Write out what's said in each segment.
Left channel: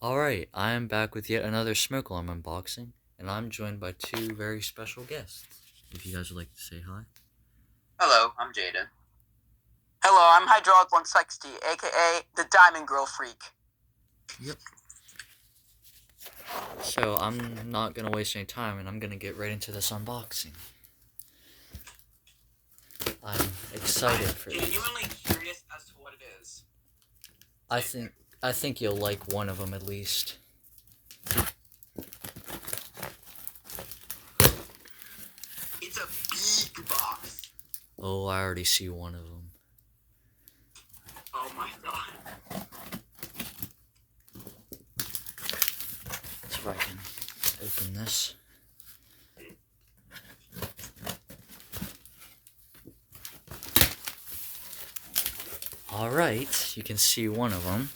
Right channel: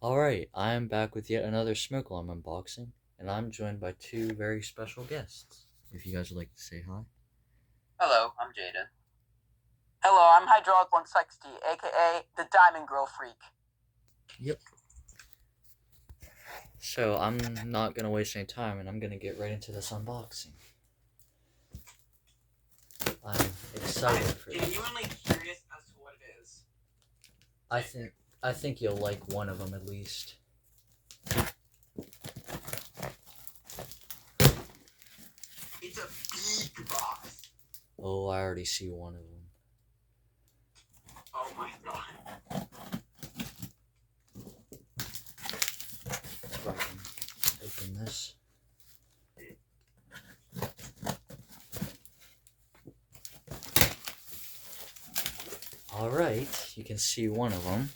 Alright, I am back with yet another smoke alarm unboxing, and I'm joined by two very special guests. If you guys would like to say hi. Hello, I'm Jaden. Hello, I'm Hydraulic 160, aka the Diamond Girl Freak. Yep. So I'm not gonna waste any time, and I'm gonna get right into this unboxing. I'm excited for I'm this. genuinely curious as to what it is. I think you'll like one of them at least. It's a big box. Oh, I already see one of them. Oh my god. Let's see if I can open this. Alright, you can see one of them.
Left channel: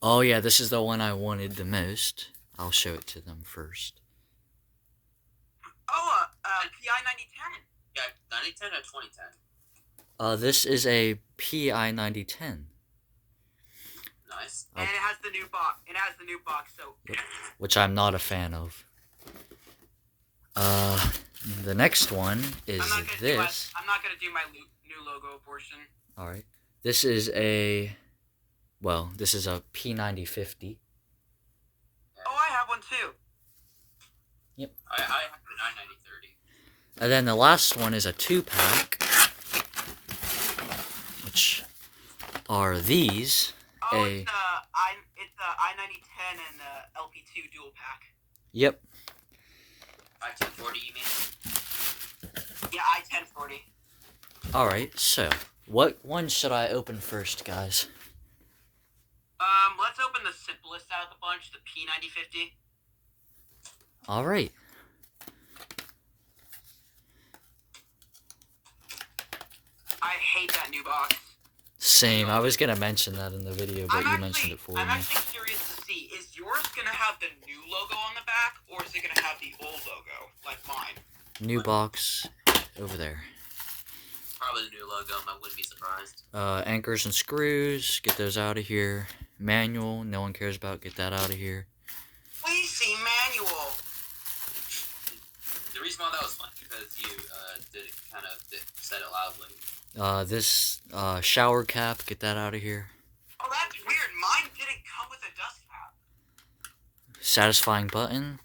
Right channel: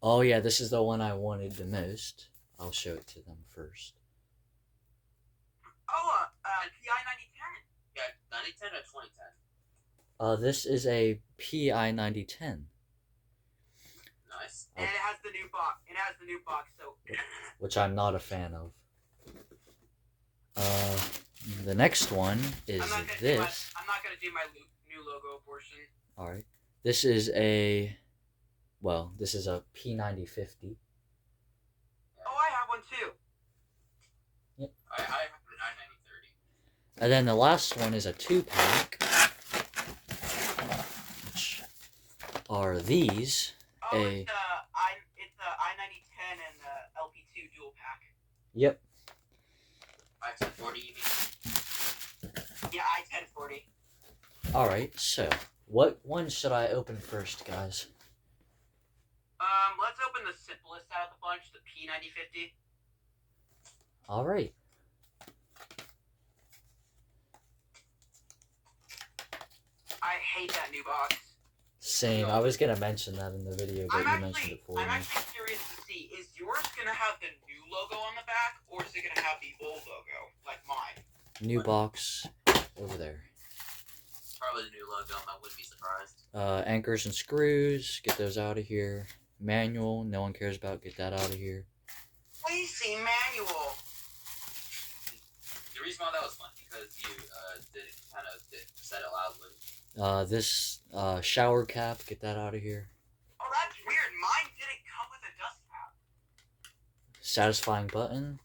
Oh yeah, this is the one I wanted the most. I'll show it to them first. Oh, PI 9010. Yeah, 9010 or 2010. This is a PI 9010. Nice. And it has the new box. So. Which I'm not a fan of. The next one is this. I'm not gonna do my new logo portion. Alright. This is a... Well, this is a P9050. Oh, I have one too. Yep. I have a 99030. And then the last one is a 2-pack. Which are these. Oh, it's a I-9010 and LP2 dual pack. Yep. I-1040, you mean? Yeah, I-1040. Alright, so what one should I open first, guys? Let's open the simplest out of the bunch, the P9050. Alright. I hate that new box. Same. I was gonna mention that in the video, but you mentioned it for me. I'm actually curious to see, is yours gonna have the new logo on the back, or is it gonna have the old logo, like mine? New box over there. Probably the new logo, I wouldn't be surprised. Anchors and screws, get those out of here. Manual, no one cares about, get that out of here. Please see manual. The reason why that was fun because you did kind of said it loudly. This shower cap, get that out of here. Oh, that's weird. Mine didn't come with a dust cap. Satisfying button.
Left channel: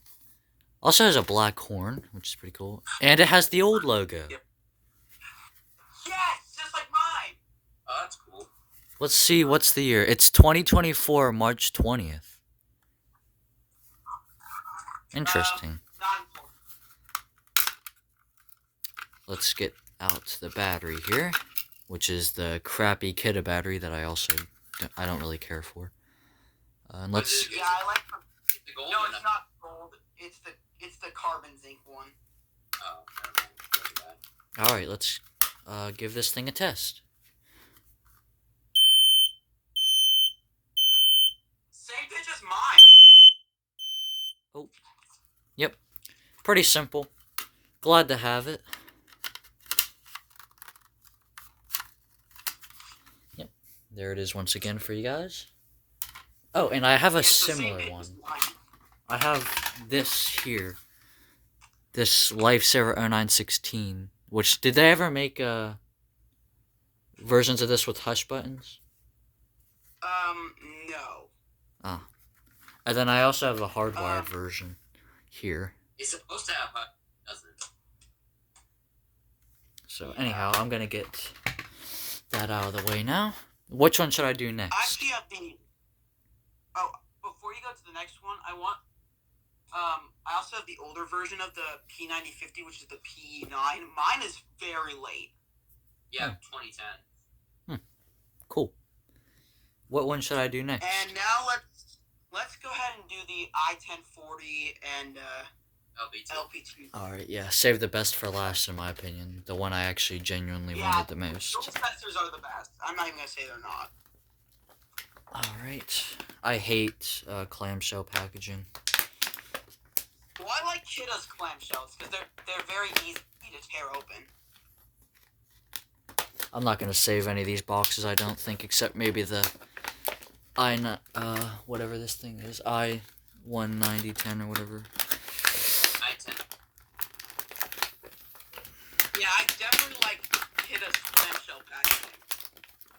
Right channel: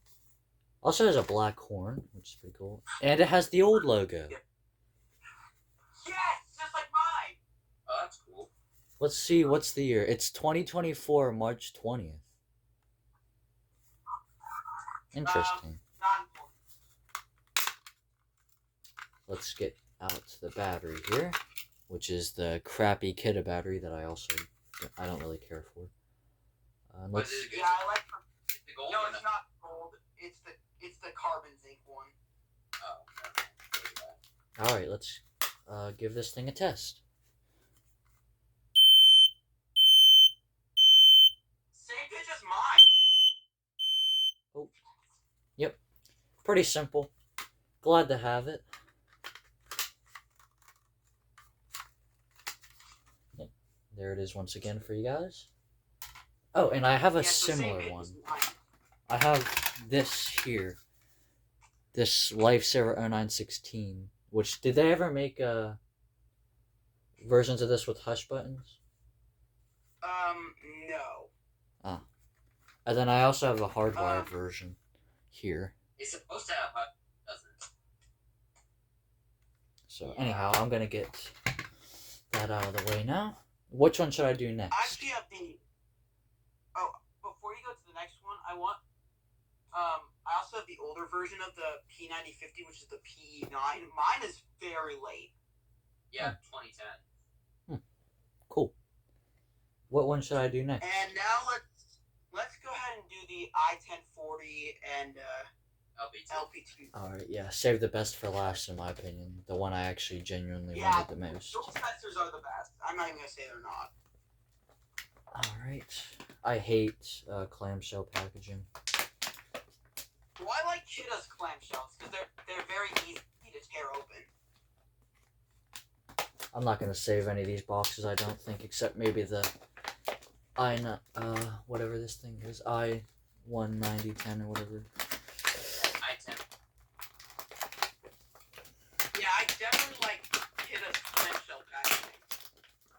Also has a black horn, which is pretty cool. And it has the old logo. Yep. Yes, just like mine. Oh, that's cool. Let's see, what's the year? It's 2024, March 20th. Interesting. Let's get out the battery here, which is the crappy Kidda battery that I don't really care for. And let's. Yeah, I like the gold. No, it's not gold. It's the carbon zinc one. Oh. All right, let's give this thing a test. Same pitch as mine. Oh, yep, pretty simple. Glad to have it. Yep, there it is once again for you guys. Oh, and I have a similar one. I have this here. This Lifesaver 0916. Which, did they ever make versions of this with hush buttons? No. Oh. And then I also have the hardwired version here. It's supposed to have hush, doesn't it? So anyhow, I'm gonna get that out of the way now. Which one should I do next? I actually have the... Oh, before you go to the next one, I also have the older version of the P9050, which is the P9. Mine is very late. Yeah, 2010. Cool. What one should I do next? And now let's go ahead and do the I-1040 and LP2. Alright, yeah. Save the best for last, in my opinion. The one I actually genuinely wanted the most. Those testers are the best. I'm not even going to say they're not. Alright. I hate clamshell packaging. Well, I like Kidda's clamshells because they're very easy to tear open. I'm not going to save any of these boxes, I don't think, except maybe the whatever this thing is, I-19010 or whatever. I-10. Yeah, I definitely like Kidda's clamshell packaging.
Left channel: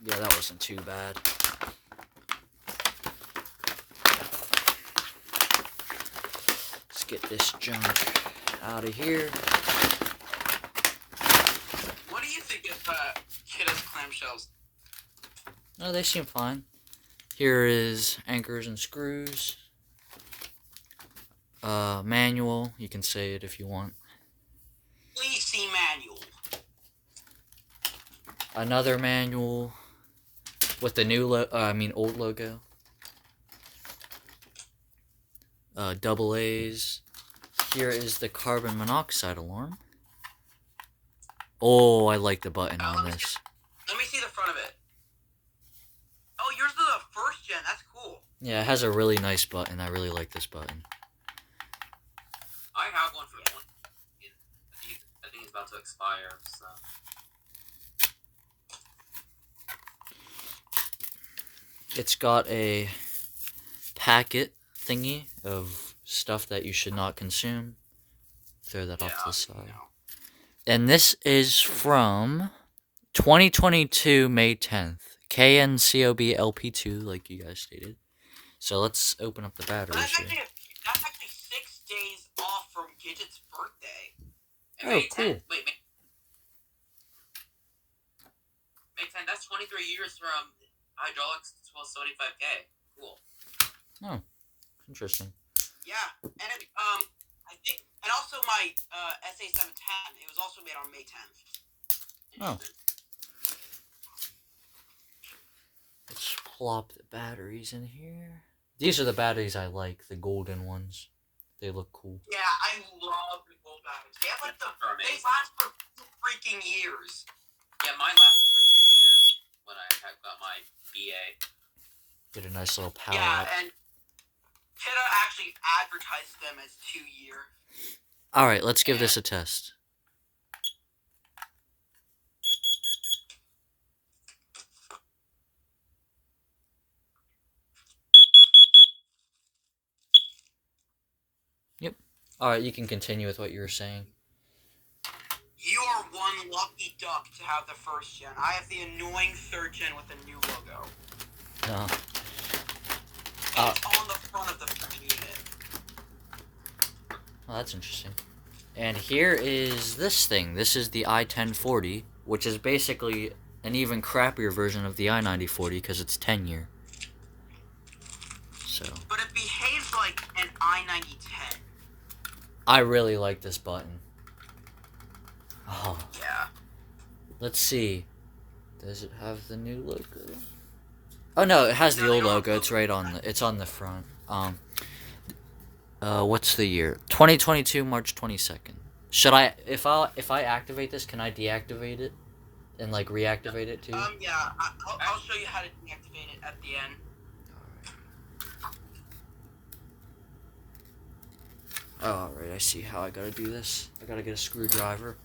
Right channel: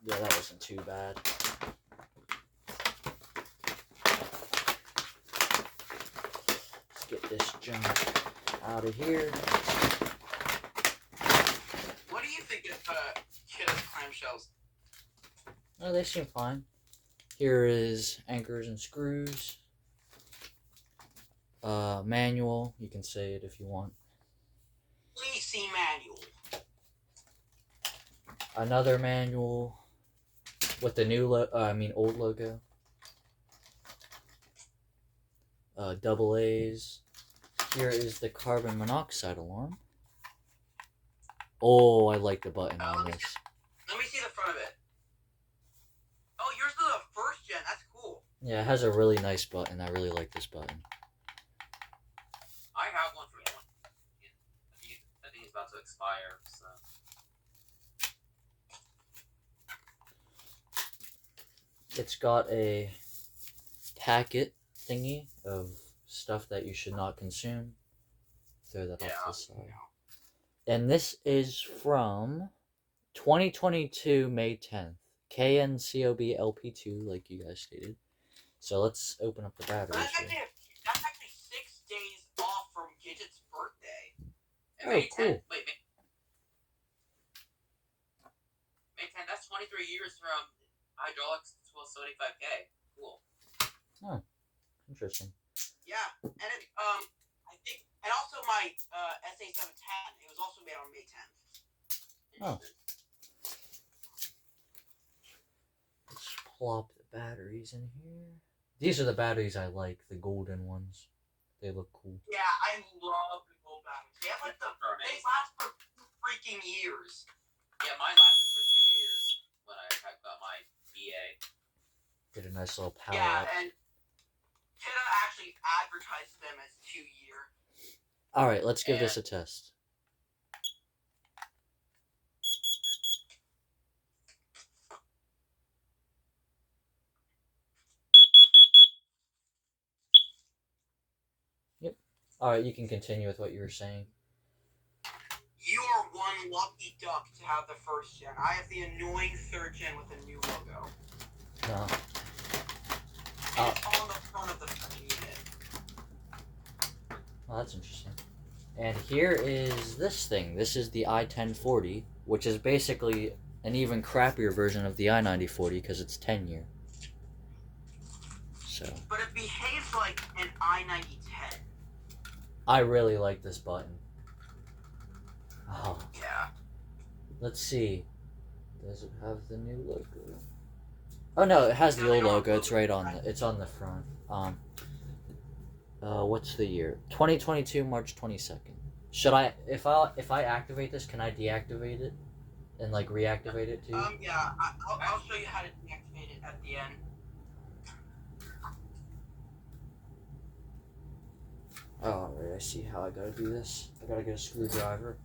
Yeah, that wasn't too bad. Let's get this junk out of here. What do you think of Kidda's clamshells? No, they seem fine. Here is anchors and screws. Manual. You can say it if you want. Please see manual. Another manual with the new old logo. Double A's. Here is the carbon monoxide alarm. Oh, I like the button on this. Let me see the front of it. Oh, yours is the first gen. That's cool. Yeah, it has a really nice button. I really like this button. I have one for you. I think it's about to expire, so. It's got a packet thingy of stuff that you should not consume. Throw that off to the side. And this is from 2022 May 10th. KNCOB LP2, like you guys stated. So let's open up the batteries here. That's actually 6 days off from Gidget's birthday. And May 10th. Wait, May 10th. That's 23 years from hydraulics to 75K. Cool. Oh, interesting. Yeah, and I think, and also my SA710. It was also made on May 10th. Oh. Let's plop the batteries in here. These are the batteries I like, the golden ones. They look cool. Yeah, I love the gold batteries. They have like they last for freaking years. Yeah, mine lasted for 2 years when I got my BA. Get a nice little power Yeah, up. and Kidda actually advertised them as 2-year. Alright, let's give this a test. Yep. Alright, you can continue with what you were saying. You are one lucky duck to have the first gen. I have the annoying third gen with a new logo. No. And it's on the front of the freaking unit. Oh, that's interesting. And here is this thing. This is the I-1040, which is basically an even crappier version of the I-9040 because it's 10-year. So. But it behaves like an I-9010. I really like this button. Oh. Yeah. Let's see. Does it have the new logo? Oh no, it has the old logo. It's right on the. It's on the front. What's the year? 2022 March 22nd. Should I? If I activate this, can I deactivate it, and like reactivate it too? Yeah. I'll show you how to deactivate it at the end. Alright, I see how I gotta do this. I gotta get a screwdriver.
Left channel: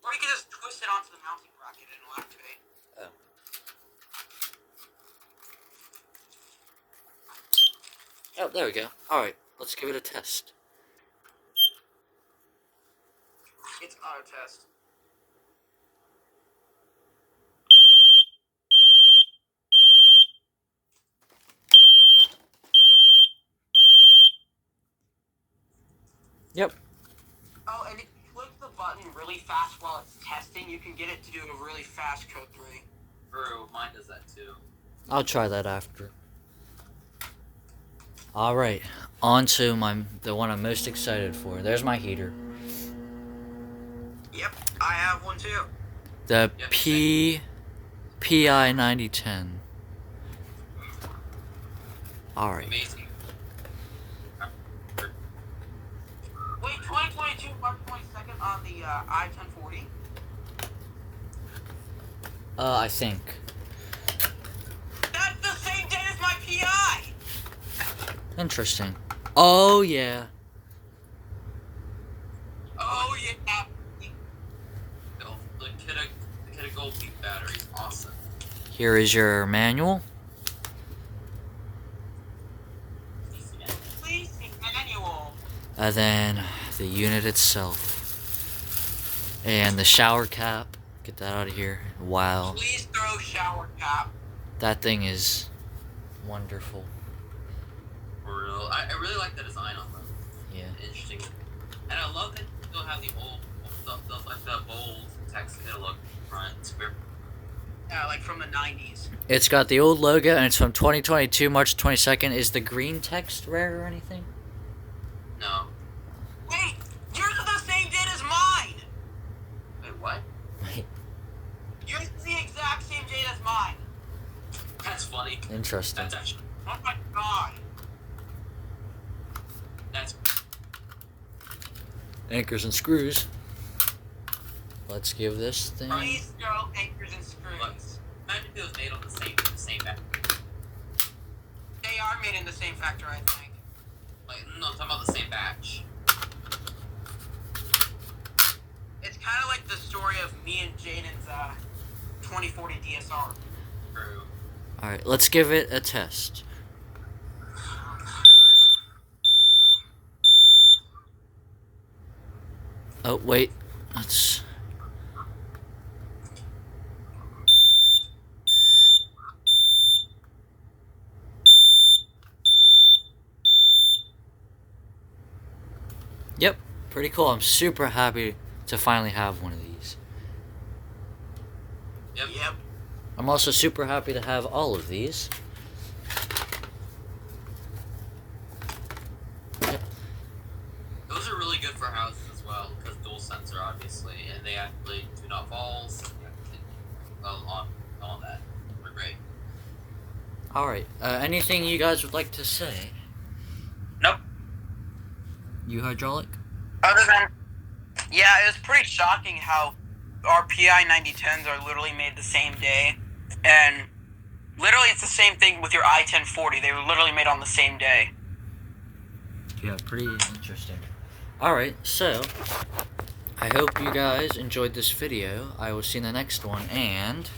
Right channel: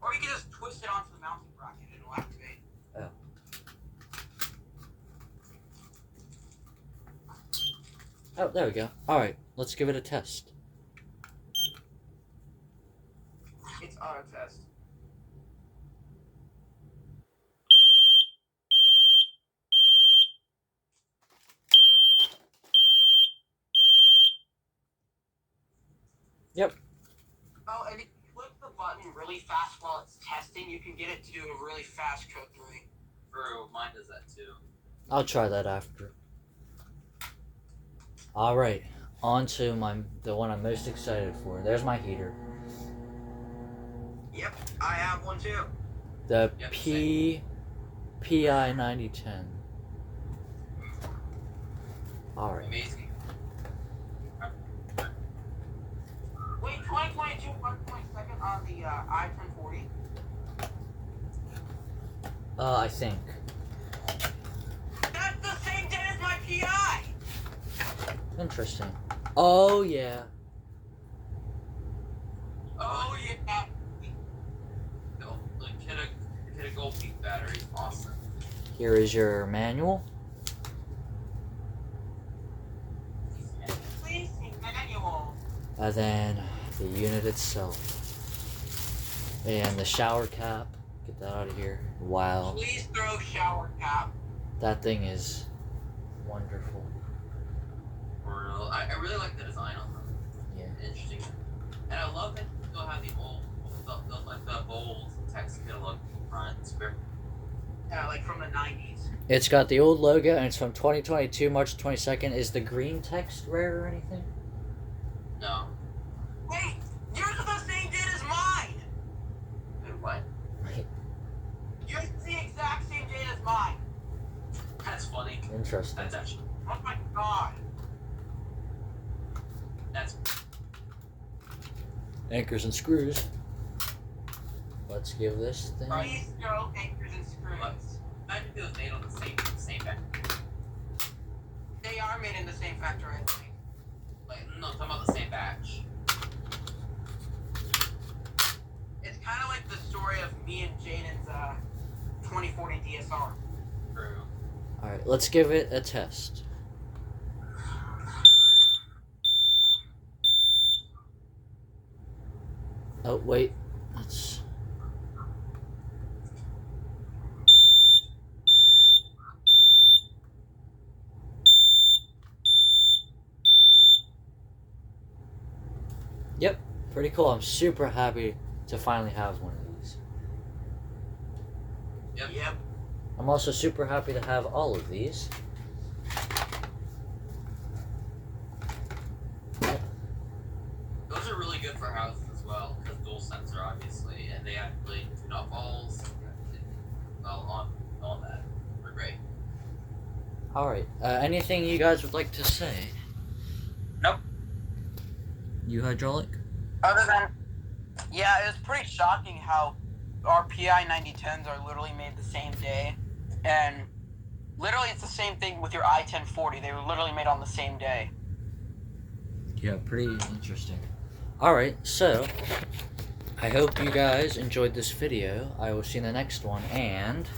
Or you can just twist it onto the mounting bracket and it'll activate. Oh, there we go. Alright, let's give it a test. It's auto test. Yep. Oh, and if you click the button really fast while it's testing, you can get it to do a really fast code 3. True, mine does that too. I'll try that after. Alright, on to the one I'm most excited for. There's my heater. Yep, I have one too. The Yep, PI 9010. Alright. Amazing. Wait, 2022 March 22nd on the I-1040? I think. That's the same day as my PI! Interesting. Oh, yeah. Oh, yeah. No, the Kidda Gold Peak battery is awesome. Here is your manual. And then the unit itself. And the shower cap. Get that out of here. Wow. Please throw shower cap. That thing is wonderful. For real. I really like the design on it. Yeah. Interesting. And I love that they'll have the old, like the old text to look front square. Yeah, like from the 90s. It's got the old logo and it's from 2022, March 22nd. Is the green text rare or anything? No. Wait, yours is the same date as mine. Wait, what? Yours is the exact same date as mine. That's funny. Interesting. That's actually. Oh my god. That's. Anchors and screws. Let's give this thing. Please throw anchors and screws. Imagine if it was made on the same back. They are made in the same factory, I think. Like, no, I'm talking about the same batch. It's kind of like the story of me and Jaden's 2040 DSR. True. Alright, let's give it a test. Oh, wait. Let's. Yep, pretty cool. I'm super happy to finally have one of these. Yep. I'm also super happy to have all of these. Those are really good for houses as well, because dual sensor, obviously, and they actually do not falls. Well, on all that. They're great. Alright, anything you guys would like to say? Nope. You hydraulic? Other than, yeah, it was pretty shocking how our PI 9010s are literally made the same day, and literally it's the same thing with your I-1040. They were literally made on the same day. Yeah, pretty interesting. Alright, so I hope you guys enjoyed this video. I will see you in the next one, and